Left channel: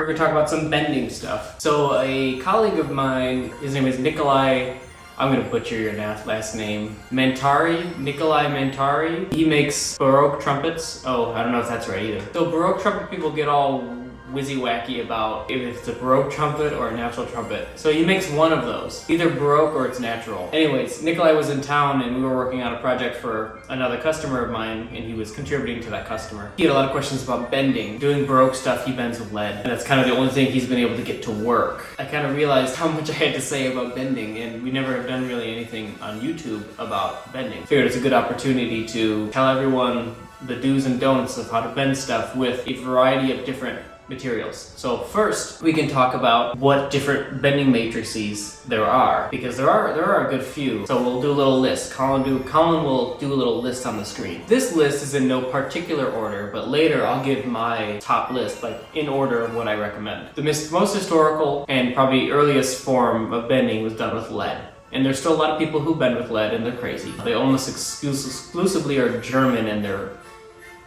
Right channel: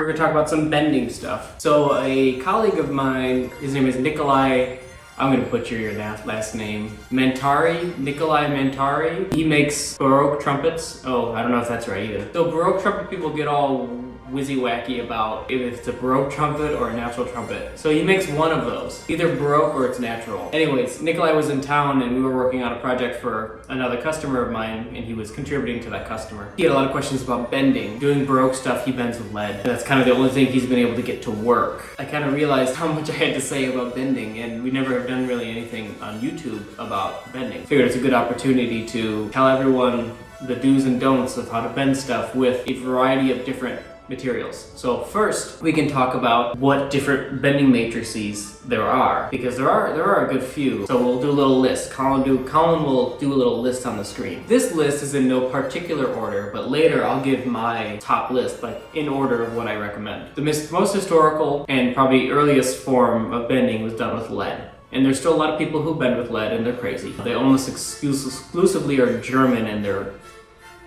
We're gonna talk about some bending stuff. So a colleague of mine, his name is Nikolai, I'm gonna butcher your last name, Nikolai Mantari. He makes Baroque trumpets. Oh, I don't know if that's right either. So Baroque trumpet people get all wizzy-wacky about if it's a Baroque trumpet or a natural trumpet. So he makes one of those, either Baroque or it's natural. Anyways, Nikolai was in town and we were working on a project for another customer of mine and he was contributing to that customer. He had a lot of questions about bending. Doing Baroque stuff, he bends with lead. And that's kind of the only thing he's been able to get to work. I kind of realized how much I had to say about bending, and we never have done really anything on YouTube about bending. Figured it's a good opportunity to tell everyone the do's and don'ts of how to bend stuff with a variety of different materials. So first, we can talk about what different bending matrices there are, because there are a good few. So we'll do a little list. Colin will do a little list on the screen. This list is in no particular order, but later I'll give my top list, like in order of what I recommend. The most historical and probably earliest form of bending was done with lead. And there's still a lot of people who bend with lead and they're crazy. They almost exclusively are German and they're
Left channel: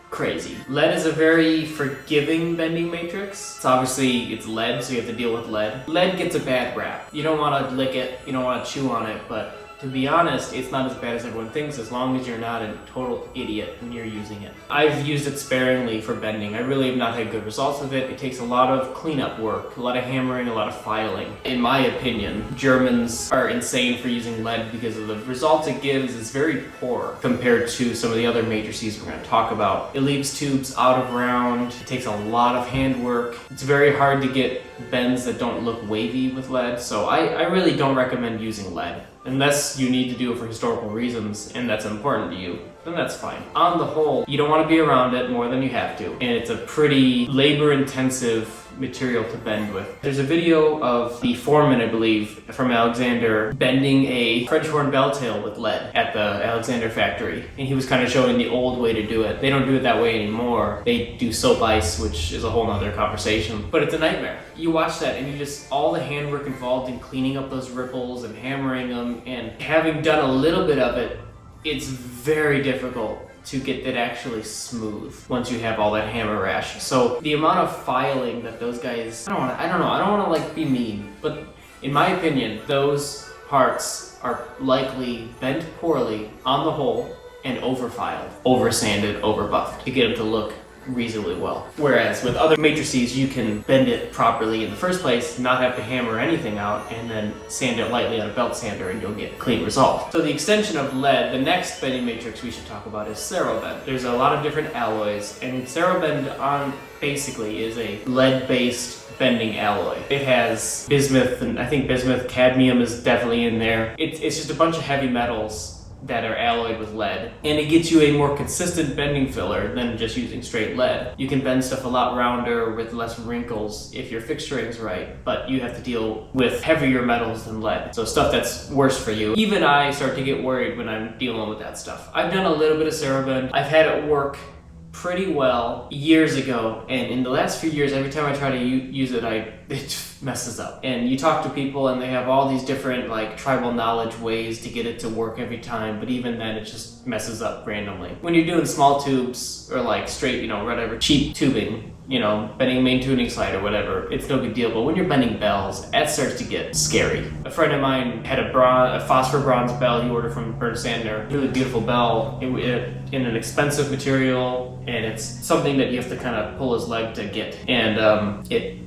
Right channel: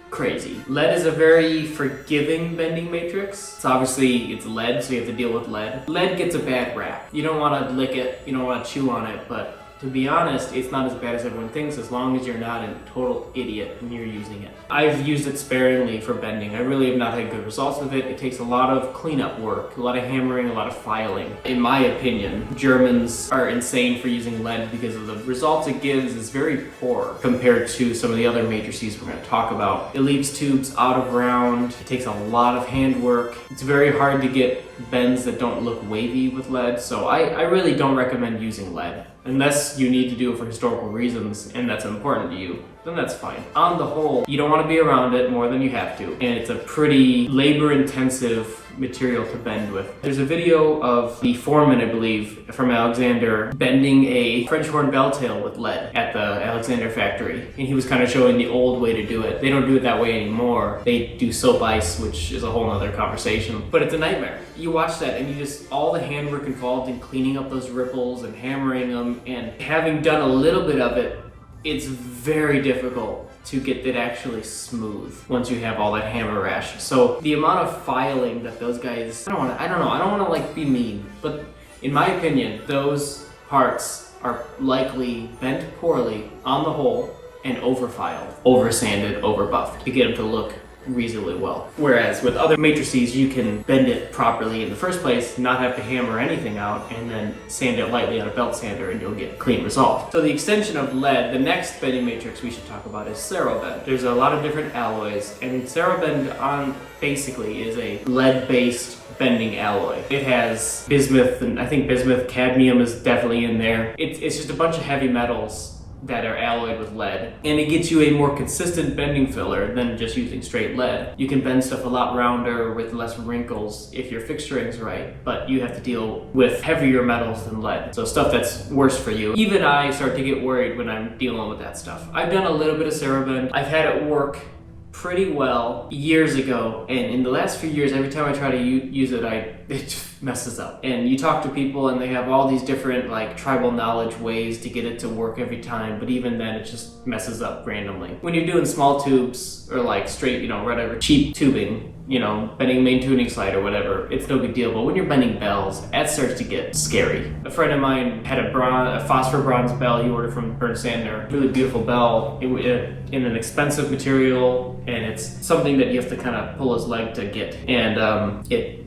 crazy. Lead is a very forgiving bending matrix. It's lead, so you have to deal with lead. Lead gets a bad rap. You don't want to lick it, you don't want to chew on it, but to be honest, it's not as bad as everyone thinks as long as you're not a total idiot when you're using it. I've used it sparingly for bending. I really have not had good results with it. It takes a lot of cleanup work, a lot of hammering, a lot of filing. In my opinion, Germans are insane for using lead because of the results it gives is very poor compared to some of the other matrices we're going to talk about. It leaves tubes out of round. It takes a lot of handwork. It's very hard to get bends that don't look wavy with lead, so I really don't recommend using lead. Unless you need to do it for historical reasons and that's important to you, then that's fine. On the whole, you don't want to be around it more than you have to, and it's a pretty labor-intensive material to bend with. There's a video of the foreman, I believe, from Alexander bending a French horn bell tail with lead at the Alexander factory, and he was kind of showing the old way to do it. They don't do it that way anymore. They do soap ice, which is a whole nother conversation, but it's a nightmare. You watch that and all the handwork involved in cleaning up those ripples and hammering them, and having done a little bit of it, it's very difficult to get that actually smooth once you have all that hammer rash. So the amount of filing that those guys, I don't want to like be mean, but in my opinion, those parts are likely bent poorly on the whole and over-filed, over-sanded, over-buffed to get them to look reasonably well. Whereas with other matrices, you can bend it properly in the first place, not have to hammer anything out, and then sand it lightly on a belt sander and you'll get clean results. So the extension of lead, the next bending matrix we should talk about is Cerro bend. There's a lot of different alloys, and Cerro bend basically is a lead-based bending alloy. It has bismuth, and I think bismuth, cadmium is definitely in there. It's just a bunch of heavy metals that are alloyed with lead, and it gets you a more consistent bending filler than just using straight lead. You can bend stuff a lot rounder with less wrinkles if your fixturing's right, but you have to deal with heavier metals than lead, so stuff that's worse for you. Even I start to get worried when I'm dealing with that stuff. I've done a little bit of Cerro bend. I've had it work pretty well years ago, and in the last few years, every time I try to use it, it messes up. And you talk to people and they have all these different like tribal knowledge ways to get it to work every time, but even then it just messes up randomly. When you're doing small tubes or like straight, whatever, cheap tubing, bending a main tuning slide or whatever, it's no big deal. But when you're bending bells, that starts to get scary. A friend of mine had a phosphor bronze bell he ordered from Burn Sander. Really beautiful bell in an expensive material, and it's something that you have to kind of pull his leg to get. And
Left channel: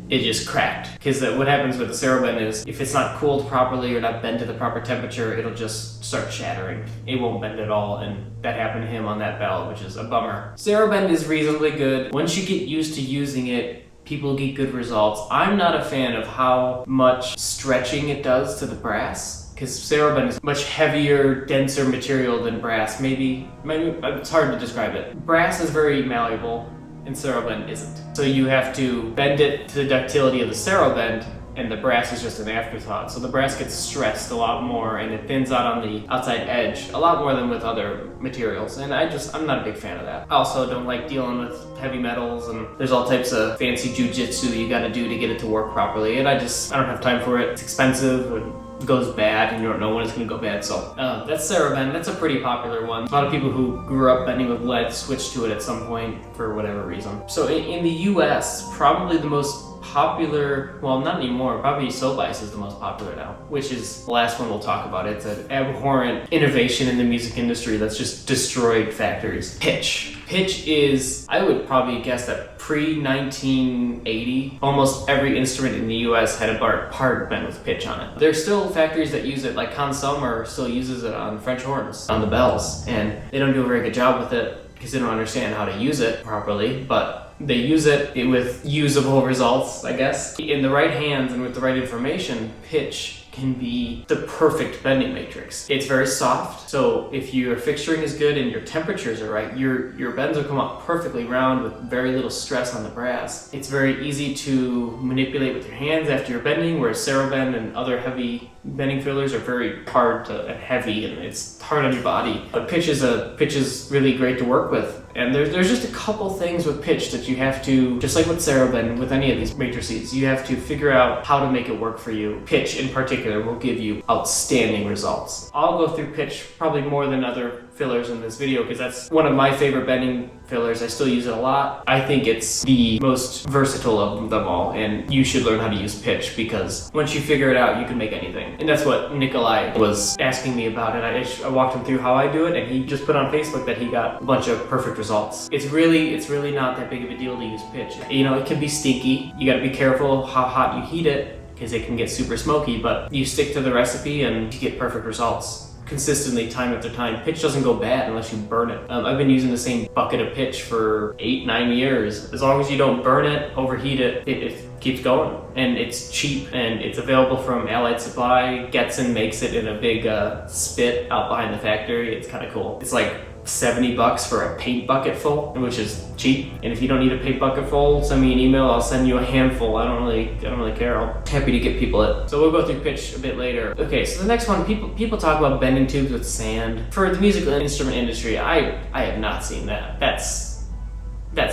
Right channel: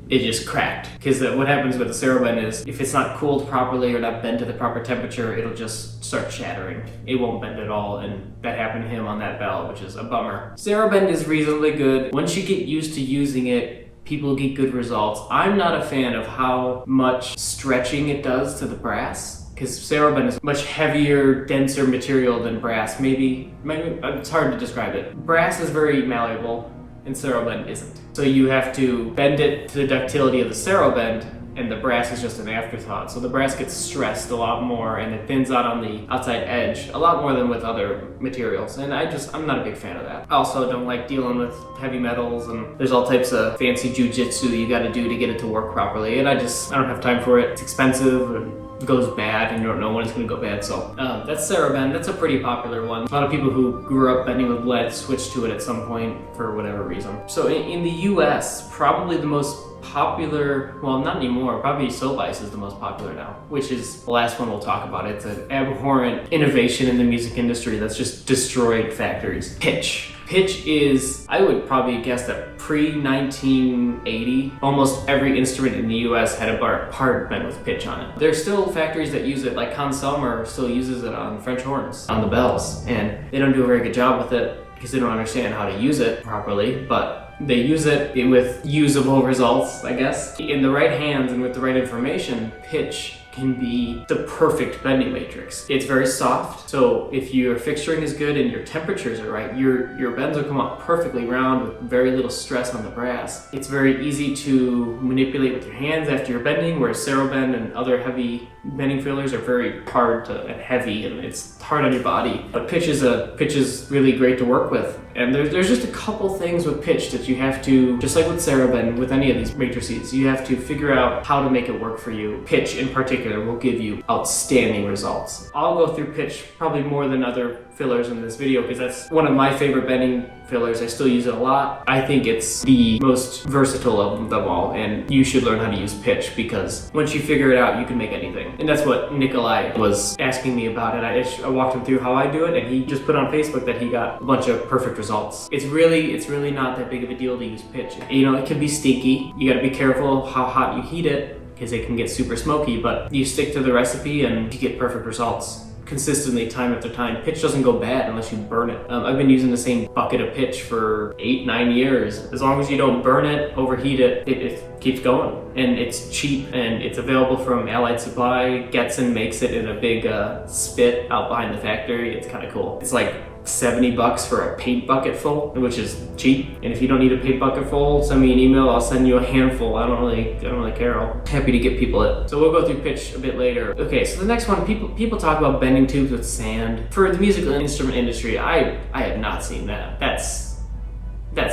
it just cracked. Because what happens with the Cerro bend is if it's not cooled properly or not bent to the proper temperature, it'll just start shattering. It won't bend at all, and that happened to him on that bell, which is a bummer. Cerro bend is reasonably good. Once you get used to using it, people get good results. I'm not a fan of how much stretching it does to the brass, because Cerro bend is much heavier, denser material than brass. Maybe it's hard to describe it. Brass is very malleable, and Cerro bend isn't. So you have to bend it to the ductility of the Cerro bend, and the brass is just an afterthought. So the brass gets stressed a lot more, and it thins out on the outside edge a lot more than with other materials, and I'm not a big fan of that. I also don't like dealing with heavy metals, and there's all types of fancy jujitsu you gotta do to get it to work properly, and I don't have time for it. It's expensive, and goes bad and you don't know when it's going to go bad. So that's Cerro bend. That's a pretty popular one. A lot of people who grew up bending with lead switched to it at some point for whatever reason. So in the US, probably the most popular, well, not anymore, probably soap ice is the most popular now, which is the last one we'll talk about. It's an abhorrent innovation in the music industry that's just destroyed factories. Pitch. Pitch is, I would probably guess that pre-1980, almost every instrument in the US had a part bent with pitch on it. There's still factories that use it, like Hans Sommer still uses it on French horns, on the bells, and they don't do a very good job with it because they don't understand how to use it properly, but they use it with usable results, I guess. In the right hands and with the right information, pitch can be the perfect bending matrix. It's very soft, so if your fixturing is good and your temperatures are right, your bends will come up perfectly round with very little stress on the brass. It's very easy to manipulate with your hands after you're bending, whereas Cerro bend and other heavy bending fillers are very hard and heavy, and it's hard on your body. But pitch is really great to work with. And there's just a couple things with pitch that you have to, just like with Cerro bend, with any of these matrices, you have to figure out how to make it work for you. Pitch in particular will give you outstanding results. I'll go through pitch probably more than other fillers in this video because that's one of my favorite bending fillers. I still use it a lot. I think it's the most versatile of them all, and you should learn how to use pitch because once you figure it out, you can make anything. And that's what Nikolai was asking me about it. I walked him through how I do it, and he just put on Facebook that he got a bunch of perfect results. It's really not that big of a deal to use pitch. You know, it can be stinky. You gotta be careful how hot you heat it because it can get super smoky, but you stick to the recipe and you get perfect results. Consistently, time after time. Pitch doesn't go bad unless you burn it. I've been using the same bucket of pitch for 8-9 years. As long as you don't burn it, overheat it, it keeps going. And it's cheap and it's available from Allied Supply. Getson makes it in a big spit out behind the factory. It's kind of cool. It's like $70 for a paint bucket full, which is cheap. And if you don't need a paint bucket full, send me an email. I'll send you a handful. I don't really care. I'm happy to get people it. So we'll go through pitch a bit later. Okay, so the next one, people talk about bending tubes with sand. For the musical instrument industry, I have not seen that. That's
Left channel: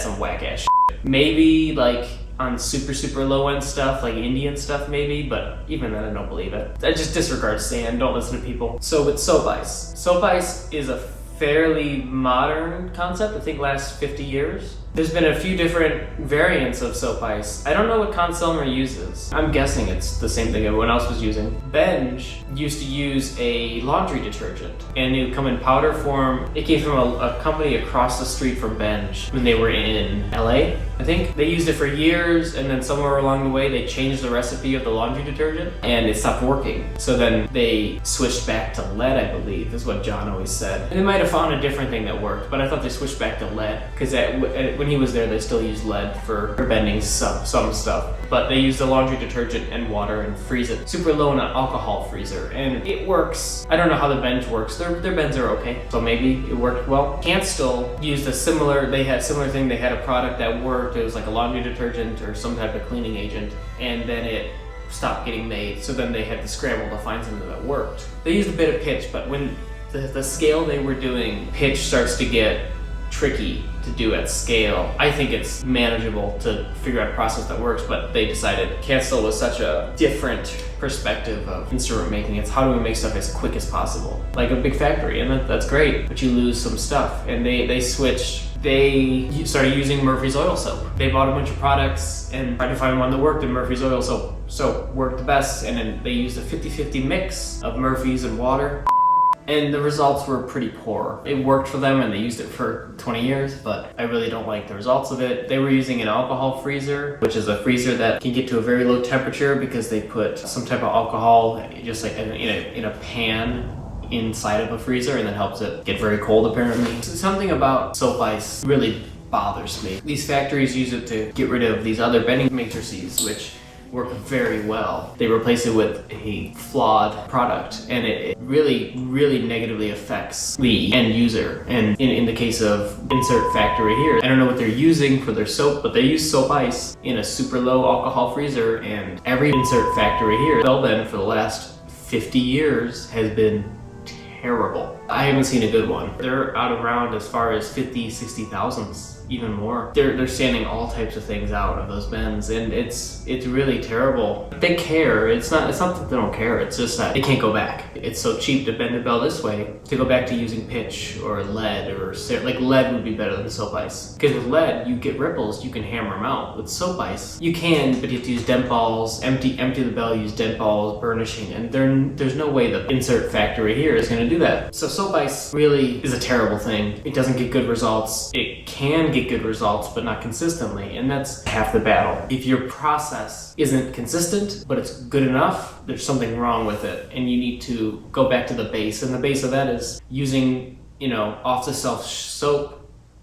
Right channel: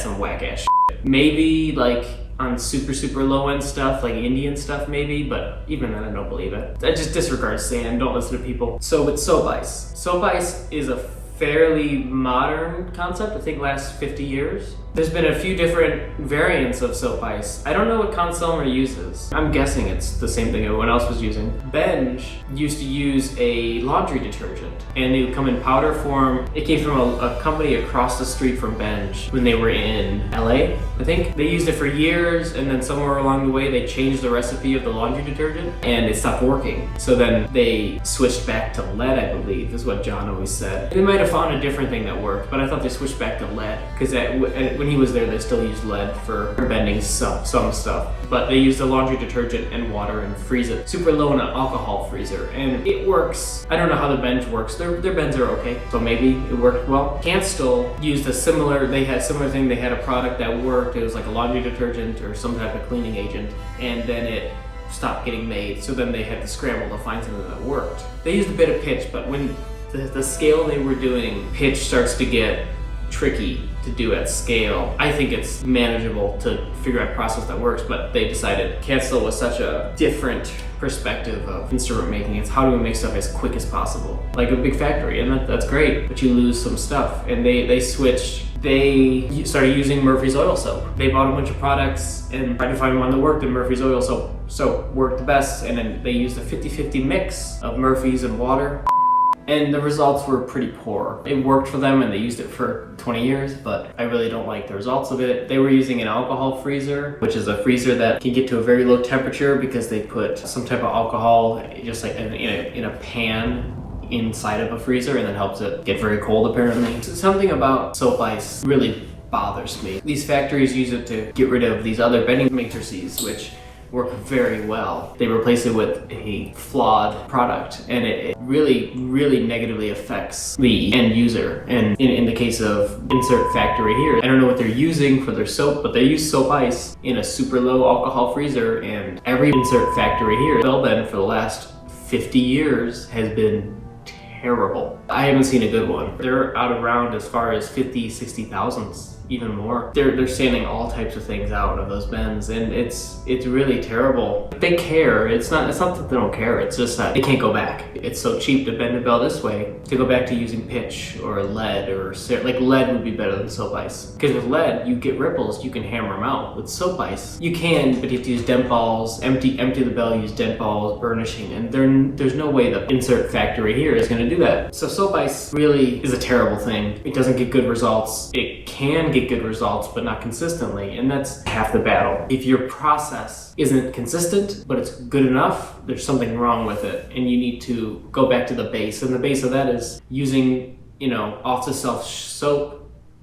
some whack ass shit. Maybe like on super low end stuff, like Indian stuff maybe, but even then I don't believe it. I just disregard sand, don't listen to people. So with soap ice. Soap ice is a fairly modern concept, I think last 50 years. There's been a few different variants of soap ice. I don't know what Conselmer uses. I'm guessing it's the same thing everyone else was using. Benge used to use a laundry detergent, and it would come in powder form. It came from a company across the street from Benge when they were in LA, I think. They used it for years, and then somewhere along the way they changed the recipe of the laundry detergent, and it stopped working. So then they switched back to lead, I believe, is what John always said. And they might have found a different thing that worked, but I thought they switched back to lead, because when he was there, they still used lead for bending some stuff. But they used the laundry detergent and water and freeze it super low in an alcohol freezer. And it works. I don't know how the Benge works. Their bends are okay, so maybe it worked well. Canstel used they had a similar thing. They had a product that worked. It was like a laundry detergent or some type of cleaning agent. And then it stopped getting made. So then they had to scramble to find something that worked. They used a bit of pitch, but when the scale they were doing, pitch starts to get tricky to do at scale. I think it's manageable to figure out a process that works, but they decided Canstel was such a different perspective of instrument making. It's how do we make stuff as quick as possible, like a big factory, and that's great, but you lose some stuff. And they switched. They started using Murphy's oil soap. They bought a bunch of products and tried to find one that worked, and Murphy's oil soap worked the best. And then they used a 50-50 mix of Murphy's and water. And the results were pretty poor. It worked for them and they used it for 20 years, but I really don't like the results of it. They were using an alcohol freezer, which is a freezer that can get to a very low temperature because they put some type of alcohol just like in a pan inside of a freezer, and that helps it get very cold apparently. So something about soap ice really bothers me. These factories use it to get rid of these other bending matrices, which work very well. They replace it with a flawed product, and it really negatively affects the end user. And in the case of Insert Factory here, I don't know what they're using for their soap, but they use soap ice in a super low alcohol freezer, and every Insert Factory here, bell bend for the last 50 years has been terrible. I haven't seen a good one. They're out around as far as 50, 60,000 even more. They're sanding all types of things out of those bends, and it's really terrible. They care. It's not that they don't care. It's just that they can't go back. It's so cheap to bend a bell this way to go back to using pitch or lead or like lead would be better than soap ice. Because with lead, you get ripples, you can hammer them out. With soap ice, you can, but you have to use dent balls, empty the bell, use dent balls, burnishing, and there's no way the insert factory here is going to do that. So soap ice really is a terrible thing. It doesn't get good results. It can get good results, but not consistently, and that's half the battle. If your process isn't consistent, but it's good enough, there's something wrong with it, and you need to go back to the base, and the base of that is using, off-the-shelf soap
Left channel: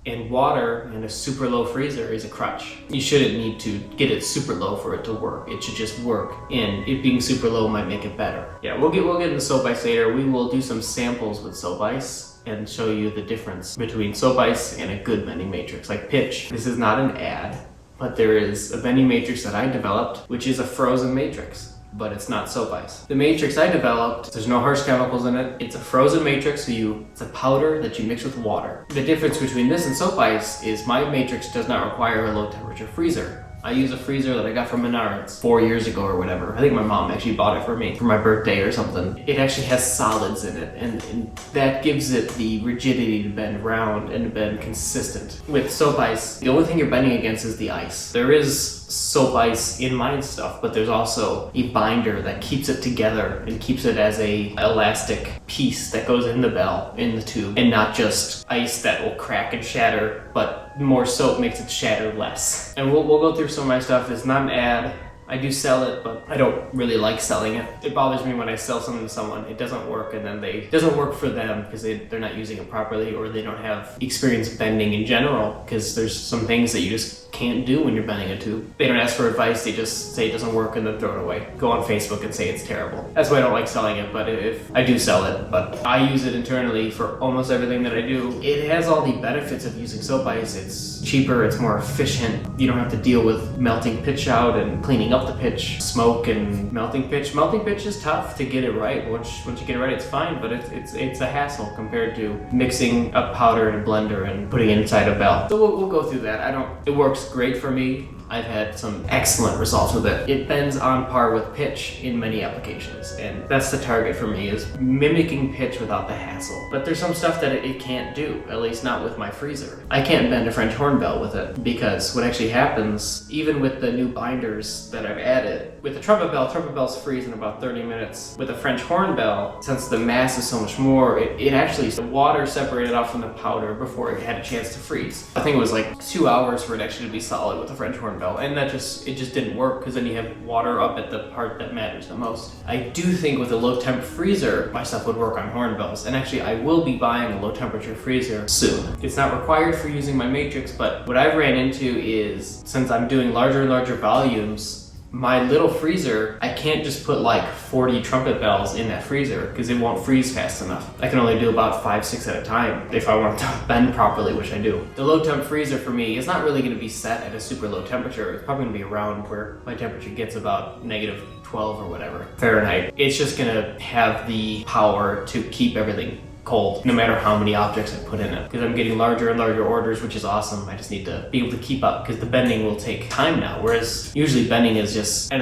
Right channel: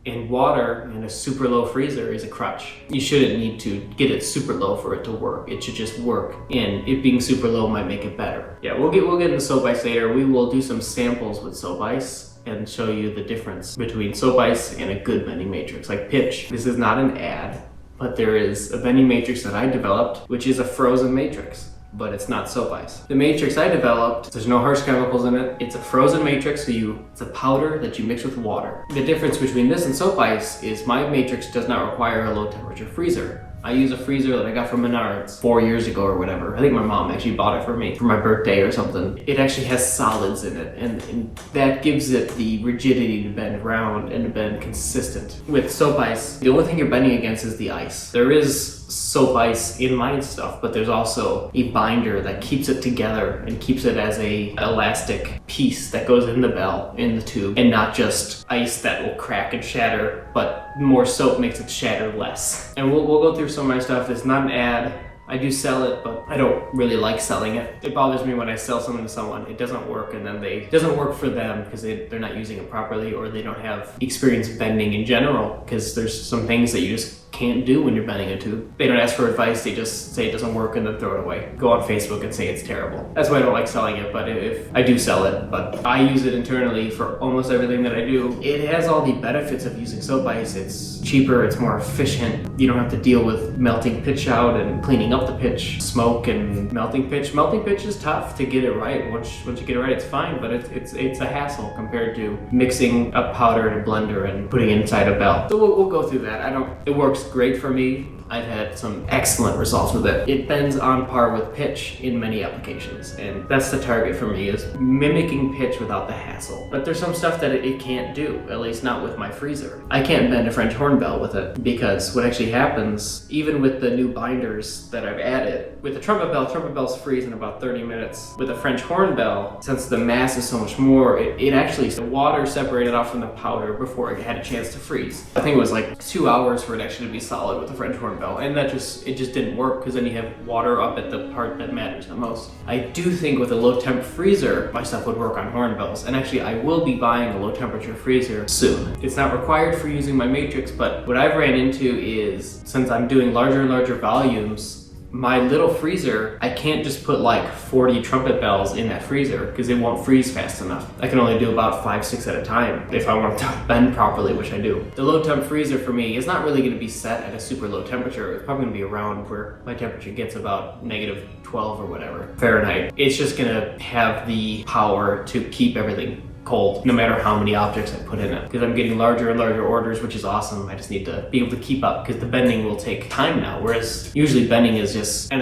and water and a super low freezer is a crutch. You shouldn't need to get it super low for it to work. It should just work, and it being super low might make it better. Yeah, we'll get into soap ice later. We will do some samples with soap ice and show you the difference between soap ice and a good bending matrix like pitch. This is not an ad, but there is a bending matrix that I developed, which is a frozen matrix, but it's not soap ice. The matrix I developed, there's no harsh chemicals in it. It's a frozen matrix, so it's a powder that you mix with water. The difference between this and soap ice is my matrix does not require a low temperature freezer. I use a freezer that I got from Menards 4 years ago or whatever. I think my mom actually bought it for me for my birthday or something. It actually has solids in it, and that gives it the rigidity to bend round and to bend consistent. With soap ice, the only thing you're bending against is the ice. There is soap ice in my stuff, but there's also a binder that keeps it together and keeps it as a elastic piece that goes in the bell, in the tube, and not just ice that will crack and shatter, but more soap makes it shatter less. And we'll go through some of my stuff. It's not an ad. I do sell it, but I don't really like selling it. It bothers me when I sell something to someone, it doesn't work, and then it doesn't work for them because they're not using it properly, or they don't have experience bending in general, because there's some things that you just can't do when you're bending a tube. They don't ask for advice, they just say it doesn't work and then throw it away. Go on Facebook and say it's terrible. That's why I don't like selling it, but if I do sell it, but I use it internally for almost everything that I do. It has all the benefits of using soap ice. It's cheaper, it's more efficient. You don't have to deal with melting pitch out and cleaning up the pitch, smoke and melting pitch. Melting pitch is tough to get it right. Once you get it right, it's fine, but it's a hassle compared to mixing a powder in a blender and putting it inside a bell. So we'll go through that. It works great for me. I've had some excellent results with it. It bends on par with pitch in many applications, and that's the target for me, is mimicking pitch without the hassle. But there's some stuff that it can't do, at least not with my freezer. I can't bend a French horn bell with it, because what actually happens, even with the new binders that I've added, with the trumpet bells freeze in about 30 minutes. With a French horn bell, since the mass is so much more, it actually, the water separated off from the powder before it had a chance to freeze. I think it was like 2 hours for it actually to be solid with the French horn bell, and it just didn't work, because then you have water up at the part that matters the most. I do think with a low temp freezer, my stuff would work on horn bells, and actually I will be buying a low temperature freezer soon. It's not required for using my matrix, but what I've ran into is, since I'm doing larger and larger volumes, my little freezer, I can't just put like 40 trumpet bells in that freezer because it won't freeze fast enough. I can only do about 5-6 at a time if I want to bend properly, which I do. The low temp freezer for me is not really going to be set at a super low temperature. It's probably going to be around where my temperature gets about -12 or whatever Fahrenheit. It's just going to have the power to keep everything cold, no matter how many objects I put in it, because I'm getting larger and larger orders, which is awesome. I just need to be able to keep up, because the bending will take time now, whereas usually bending is just spin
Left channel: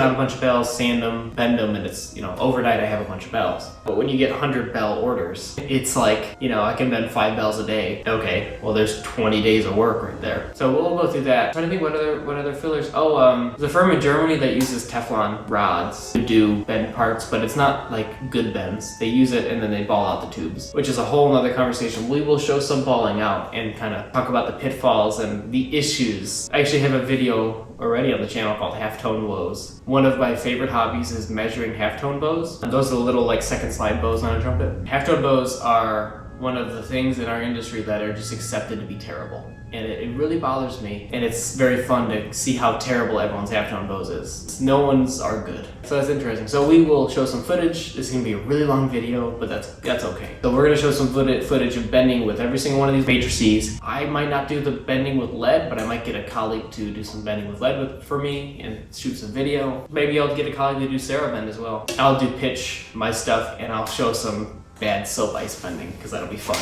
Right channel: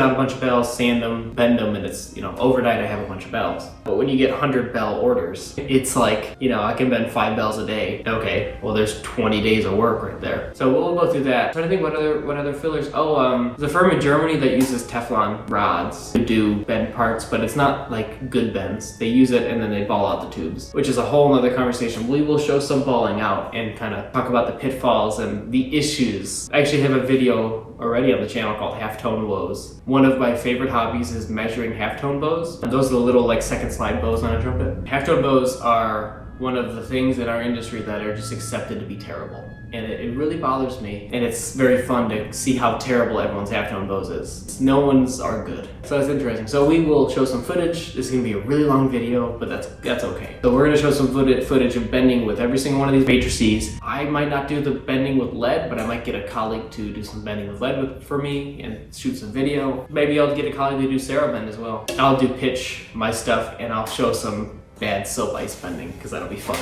out a bunch of bells, sand them, bend them, and it's, overnight I have a bunch of bells. But when you get 100 bell orders, it's like, I can bend 5 bells a day. Okay, well, there's 20 days of work right there. So we'll go through that. I'm trying to think what other fillers. There's a firm in Germany that uses Teflon rods to do bend parts, but it's not like good bends. They use it and then they ball out the tubes, which is a whole nother conversation. We will show some balling out and kind of talk about the pitfalls and the issues. I actually have a video already on the channel called halftone bows. One of my favorite hobbies is measuring halftone bows. Those are the little like second slide bows on a trumpet. Halftone bows are one of the things in our industry that are just accepted to be terrible. And it really bothers me. And it's very fun to see how terrible everyone's halftone bows is. No one's are good. So that's interesting. So we will show some footage. This is gonna be a really long video, but that's okay. So we're gonna show some footage of bending with every single one of these matrices. I might not do the bending with lead, but I might get a colleague to do some bending with lead for me and shoot some video. Maybe I'll get a colleague to do Cerro bend as well. I'll do pitch my stuff, and I'll show some bad soap ice bending, because that'll be fun.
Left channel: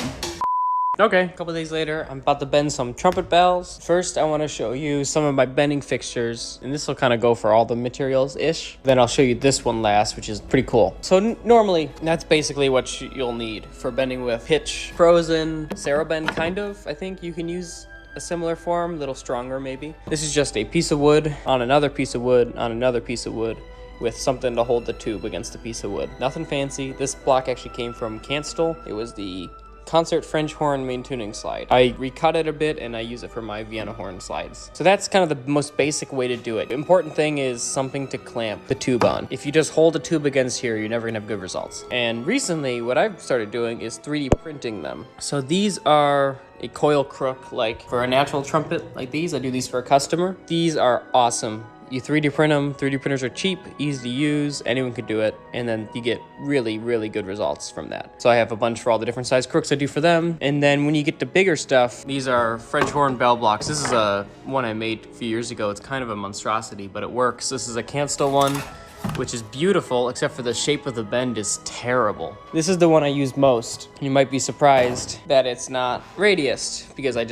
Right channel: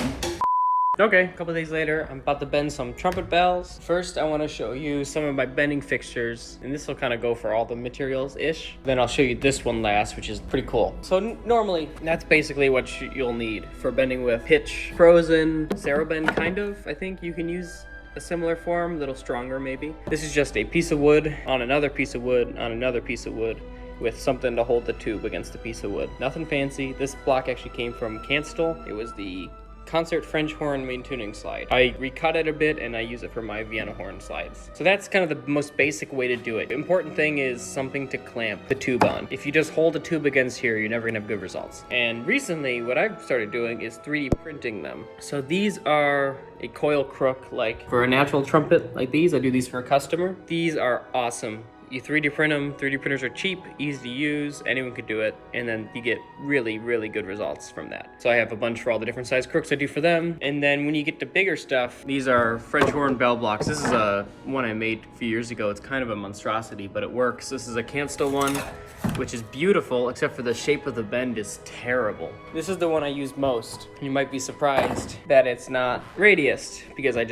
Okay, a couple days later, I'm about to bend some trumpet bells. First, I want to show you some of my bending fixtures, and this will kind of go for all the materials-ish. Then I'll show you this one last, which is pretty cool. So normally, that's basically what you'll need for bending with pitch, frozen, Cerro bend, kind of. I think you can use a similar form, a little stronger maybe. This is just a piece of wood on another piece of wood on another piece of wood with something to hold the tube against the piece of wood. Nothing fancy. This block actually came from Canstel. It was the Concert French horn main tuning slide. I recut it a bit and I use it for my Vienna horn slides. So that's kind of the most basic way to do it. The important thing is something to clamp the tube on. If you just hold a tube against here, you're never gonna have good results. And recently, what I've started doing is 3D printing them. So these are a coil crook, like for a natural trumpet like these. I do these for a customer. These are awesome. You 3D print them. 3D printers are cheap, easy to use, anyone could do it, and then you get really, really good results from that. So I have a bunch for all the different size crooks I do for them. And then when you get to bigger stuff, these are French horn bell blocks. This is a one I made a few years ago. It's kind of a monstrosity, but it works. This is a Canstel one, which is beautiful, except for the shape of the bend is terrible. This is the one I use most. You might be surprised that it's not radiused, because I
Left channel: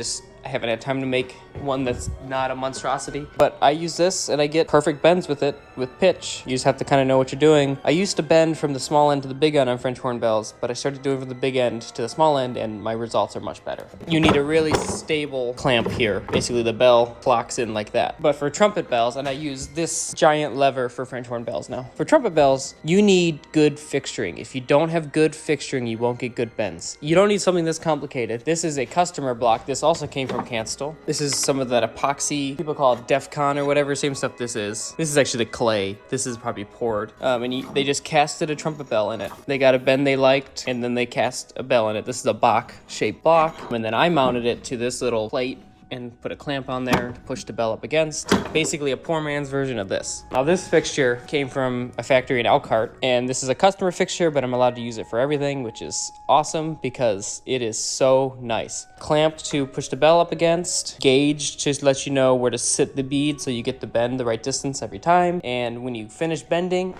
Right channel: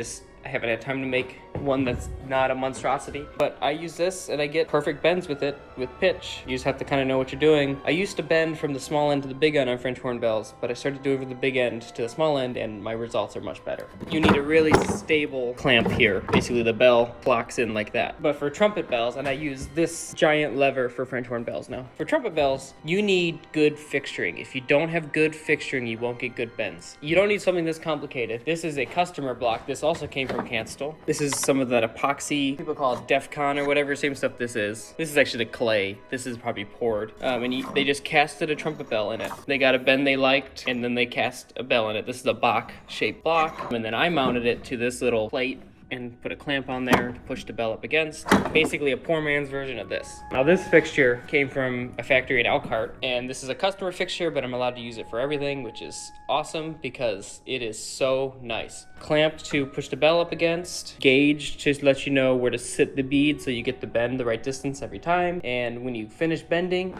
haven't had time to make one that's not a monstrosity. But I use this and I get perfect bends with it, with pitch. You just have to kind of know what you're doing. I used to bend from the small end to the big end on French horn bells, but I started doing from the big end to the small end and my results are much better. You need a really stable clamp here. Basically the bell locks in like that. But for trumpet bells, and I use this giant lever for French horn bells now. For trumpet bells, you need good fixturing. If you don't have good fixturing, you won't get good bends. You don't need something this complicated. This is a customer block. This also came from Canstel. This is some of that epoxy, people call it DEFCON or whatever, same stuff this is. This is actually the clay. This is probably poured. They just casted a trumpet bell in it. They got a bend they liked, and then they cast a bell in it. This is a Bach-shaped block, and then I mounted it to this little plate and put a clamp on there to push the bell up against. Basically a poor man's version of this. Now this fixture came from a factory in Elkhart, and this is a customer fixture, but I'm allowed to use it for everything, which is awesome because it is so nice. Clamp to push the bell up against, gauge to let you know where to sit the bead so you get the bend the right distance every time, and when you finish bending,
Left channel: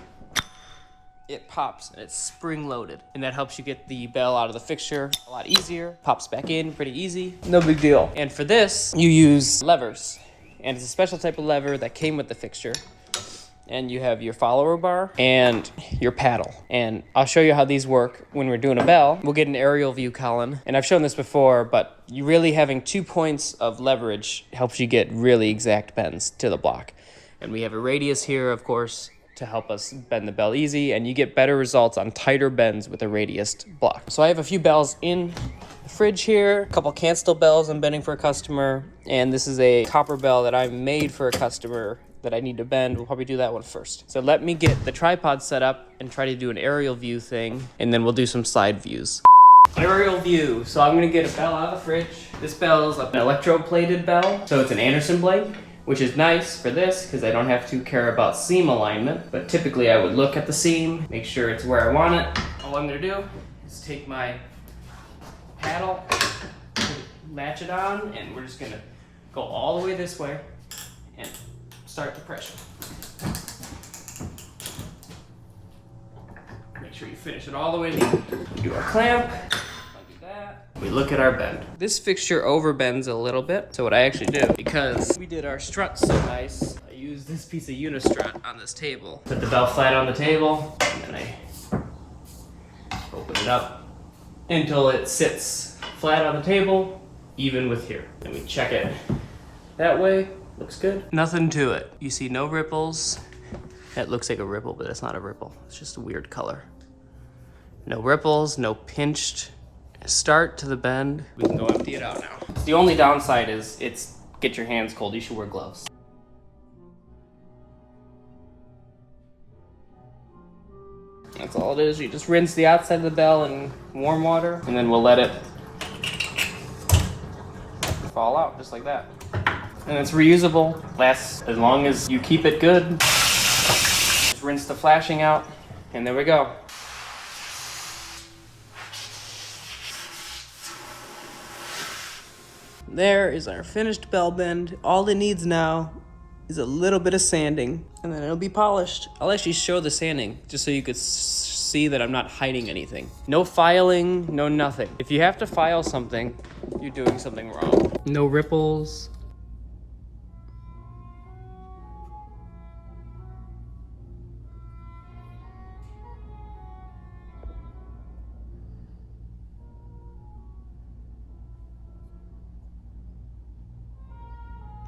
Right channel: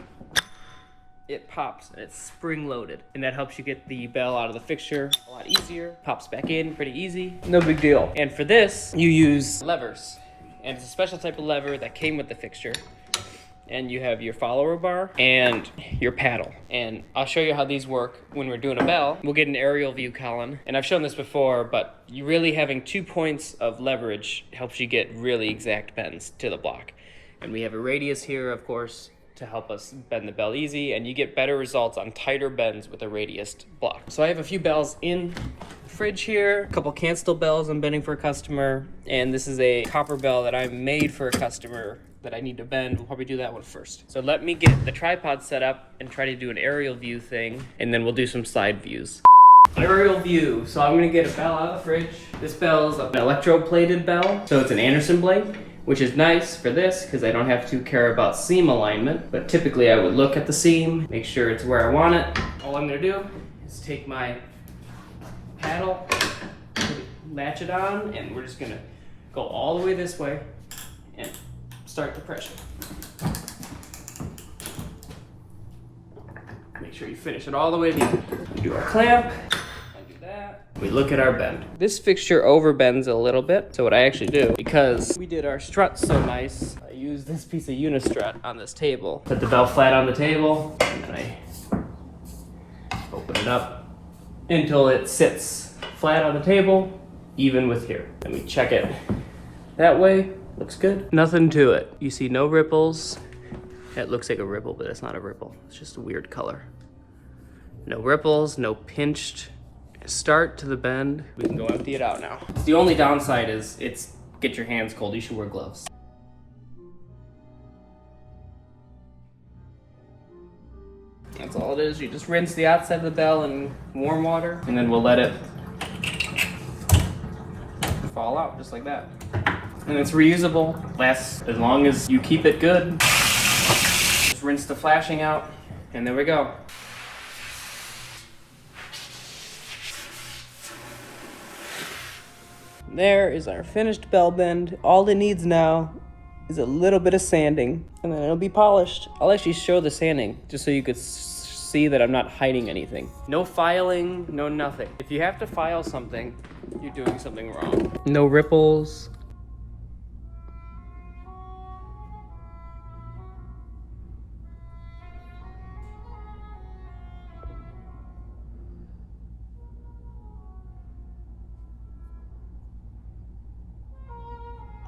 it pops and it's spring loaded, and that helps you get the bell out of the fixture a lot easier. Pops back in pretty easy, no big deal. And for this you use levers, and it's a special type of lever that came with the fixture, and you have your follower bar and your paddle. And I'll show you how these work when we're doing a bell. We'll get an aerial view, Colin, and I've shown this before, but you really having 2 points of leverage helps you get really exact bends to the block. And we have a radius here, of course, to help us bend the bell easy, and you get better results on tighter bends with a radiused block. So I have a few bells in the fridge here, a couple Canstel bells I'm bending for a customer, and this is a copper bell that I made for a customer that I need to bend. We'll probably do that one first. So let me get the tripod set up and try to do an aerial view thing, and then we'll do some side views. Aerial view. So I'm gonna get a bell out of the fridge. This bell is an electroplated bell, so it's an Anderson blade, which is nice for this because I don't have to care about seam alignment, but typically I would look at the seam, make sure it's where I want it. All I'm gonna do is take my paddle, latch it on, and we're just gonna go all the way this way and start the pressure. Make sure you finish it all the way down. Do our clamp. We look at our bend. This fixture overbends a little bit. So what I actually do, because we did our strut so nice, I use this piece of unistrut on this table. Put the bell flat on the table, and then I open it up until it sits flat on the table, even with here. Then we check it that way. Looks good. Nothing to it. You see no ripples. That looks like a ripple, but it's not a ripple. It's just a weird color. No ripples, no pinched start to the bend. We can go empty it out now. The only downside is get your hands cold. You should wear gloves. That's all it is. You just rinse the outside of the bell in warm water, and then we'll let it fall out just like that. And it's reusable. Lasts as long as you keep it good. Just rinse the flashing out, and there we go. There is our finished bell bend. All it needs now is a little bit of sanding, and then it'll be polished. I'll actually show the sanding just so you could see that I'm not hiding anything. No filing, no nothing. If you have to file something, you're doing something wrong. No ripples.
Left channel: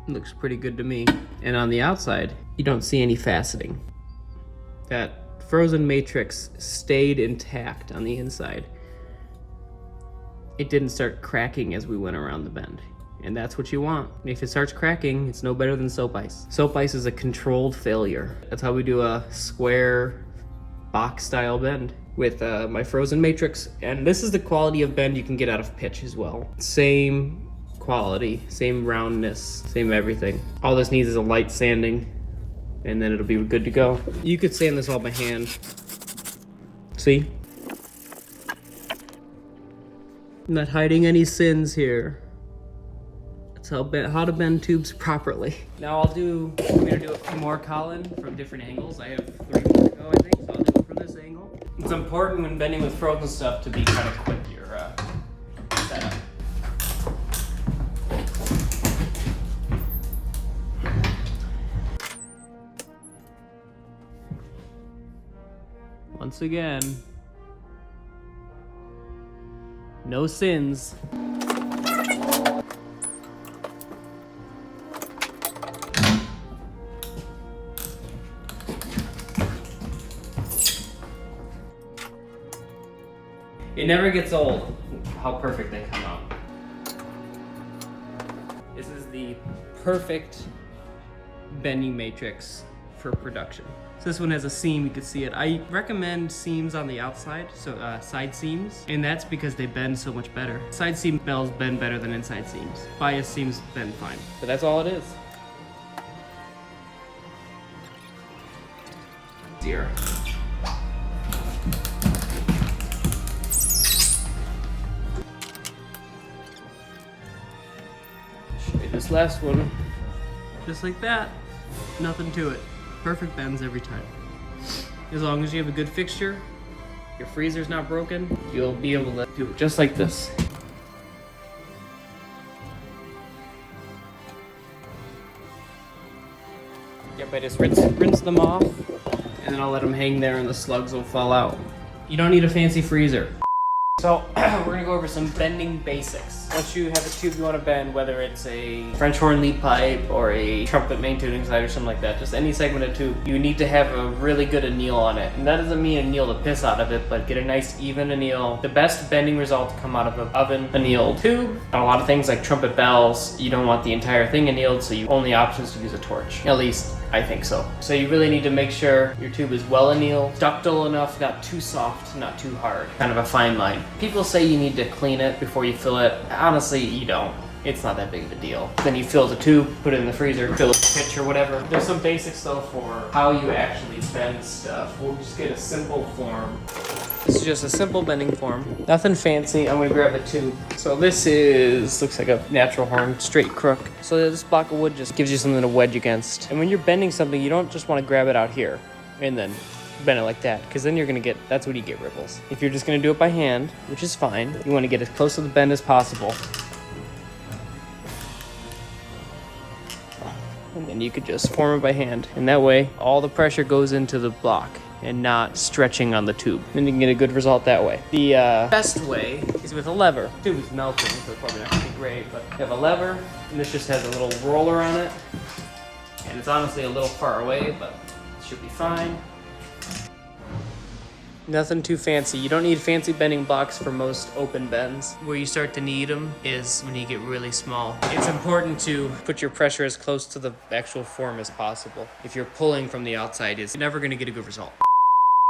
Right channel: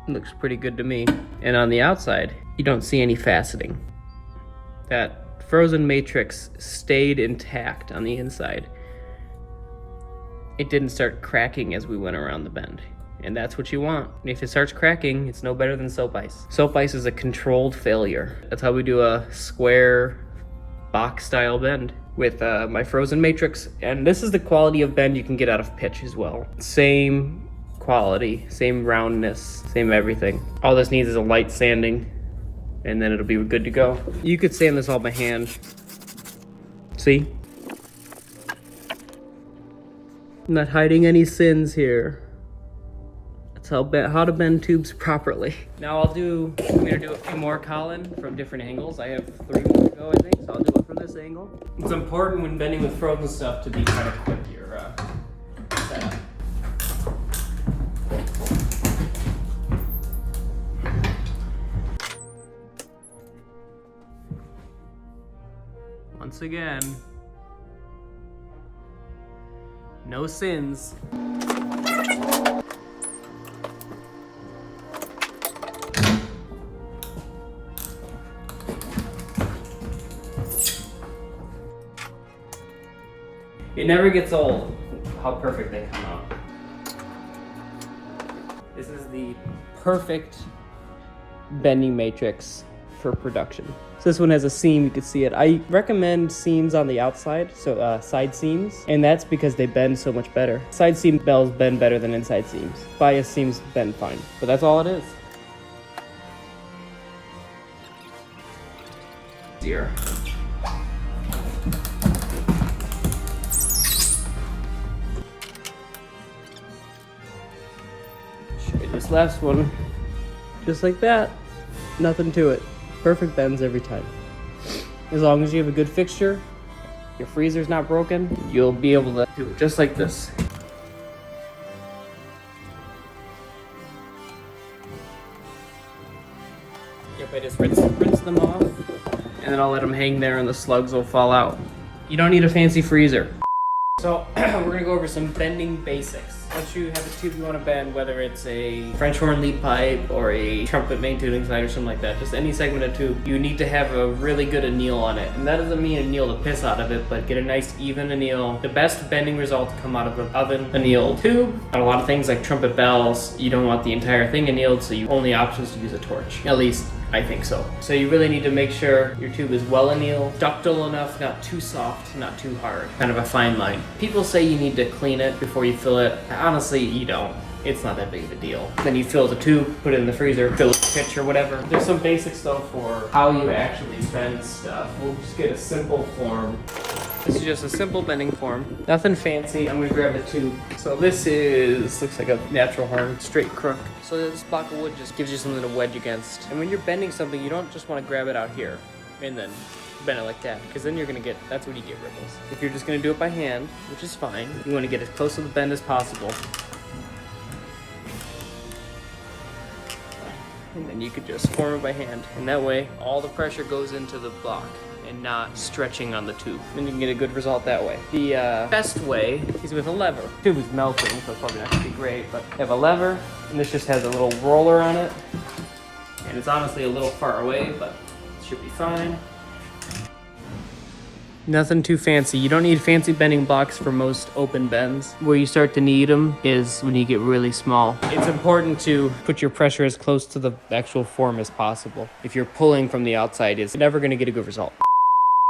Looks pretty good to me. And on the outside, you don't see any faceting. That frozen matrix stayed intact on the inside. It didn't start cracking as we went around the bend. And that's what you want. If it starts cracking, it's no better than soap ice. Soap ice is a controlled failure. That's how we do a square box style bend with my frozen matrix. And this is the quality of bend you can get out of pitch as well. Same quality, same roundness, same everything. All this needs is a light sanding, and then it'll be good to go. You could sand this all by hand. See? I'm not hiding any sins here. That's how to bend tubes properly. Now I'm gonna do a few more, Colin, from different angles. I have 3 more to go, I think, so I'll do it from this angle. It's important when bending with frozen stuff to be kind of quick your setup. Once again, no sins. It never gets old how perfect they come out. This is the perfect bending matrix for production. So this one has a seam, you can see it. I recommend seams on the outside, so side seams, and that's because they bend so much better. Side seam bells bend better than inside seams. Bias seams bend fine, but that's all it is. 0. Show you this last one, just like that. Nothing to it. Perfect bends every time. As long as you have a good fixture, your freezer's not broken, you'll be able to do it just like this. Yep, I just rinse them off, and then I'll let them hang there and the slugs will fall out. You don't need a fancy freezer. So we're gonna go over some bending basics. Once you have a tube you want to bend, whether it's a French horn lead pipe or a trumpet main toothing slide or something like that, just any segment of tube, you need to have a really good anneal on it. And that doesn't mean anneal the piss out of it, but get a nice even anneal. The best bending results come out of the oven annealed tube. On a lot of things like trumpet bells, you don't want the entire thing annealed, so your only option is to use a torch. At least I think so. So you really need to make sure your tube is well annealed, ductile enough, not too soft, not too hard. Kind of a fine line. People say you need to clean it before you fill it. Honestly, you don't. It's not that big of a deal. Then you fill the tube, put it in the freezer, fill it with pitch or whatever. There's some basics though for how you actually bend stuff. We'll just get a simple form. This is just a simple bending form. Nothing fancy. I'm gonna grab a tube. So this looks like a natural horn, straight crook. So this block of wood just gives you something to wedge against. And when you're bending something, you don't just want to grab it out here and then bend it like that, because then you're gonna get, that's when you get ripples. If you're just gonna do it by hand, which is fine, you want to get as close to the bend as possible. And then you could just form it by hand, and that way all the pressure goes into the block and not stretching on the tube. And you can get a good result that way. The best way is with a lever. The tube is melting, so it's probably not gonna be great, but you have a lever, and this just has a little roller on it. And it's honestly a little far away, but it should be fine. Nothing too fancy. You don't need fancy bending blocks for most open bends. Where you start to need them is when you get really small. It's important to put your pressure as close to the actual form as possible. If you're pulling from the outside, it's never gonna get a good result.